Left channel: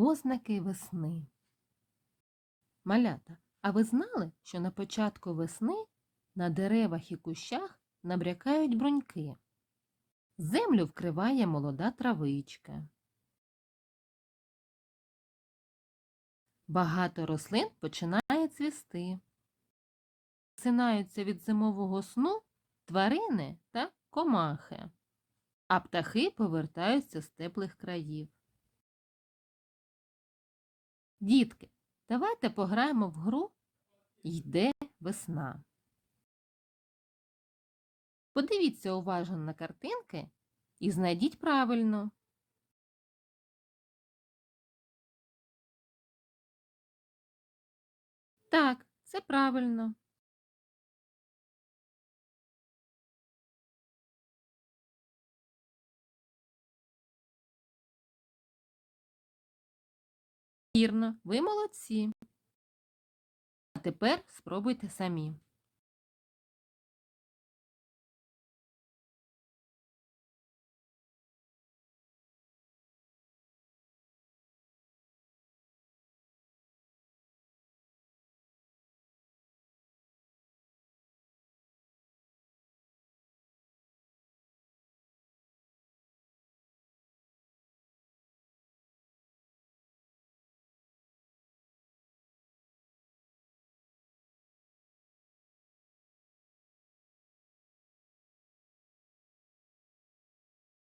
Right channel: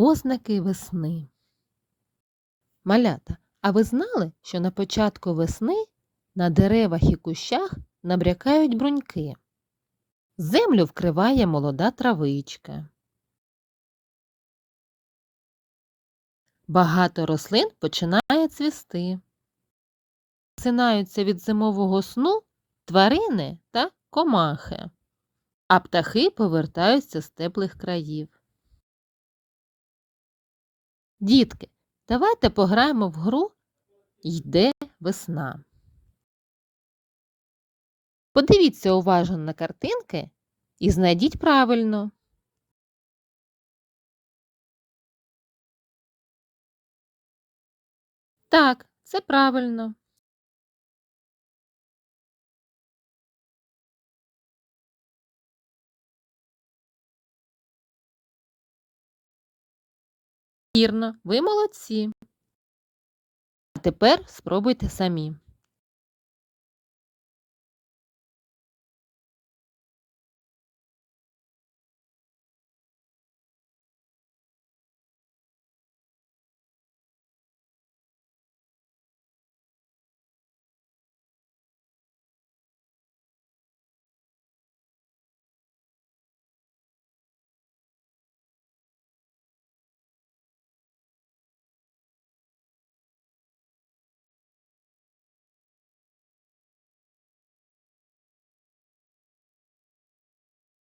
Ознаки весни. Малята, а ви знали, що на початку весни на деревах і кущах набрякають бруньки? Землю вкриває молода травичка. Багато рослин починає цвісти. Синаються від зимового сну тварини та комахи, а птахи повертаються з теплих країв. Дітки, давайте пограємо в гру Йде весна. Подивіться уважно на картинки і знайдіть правильно. Так, це правильно. Вірно, ви молодці. А тепер спробуйте самі.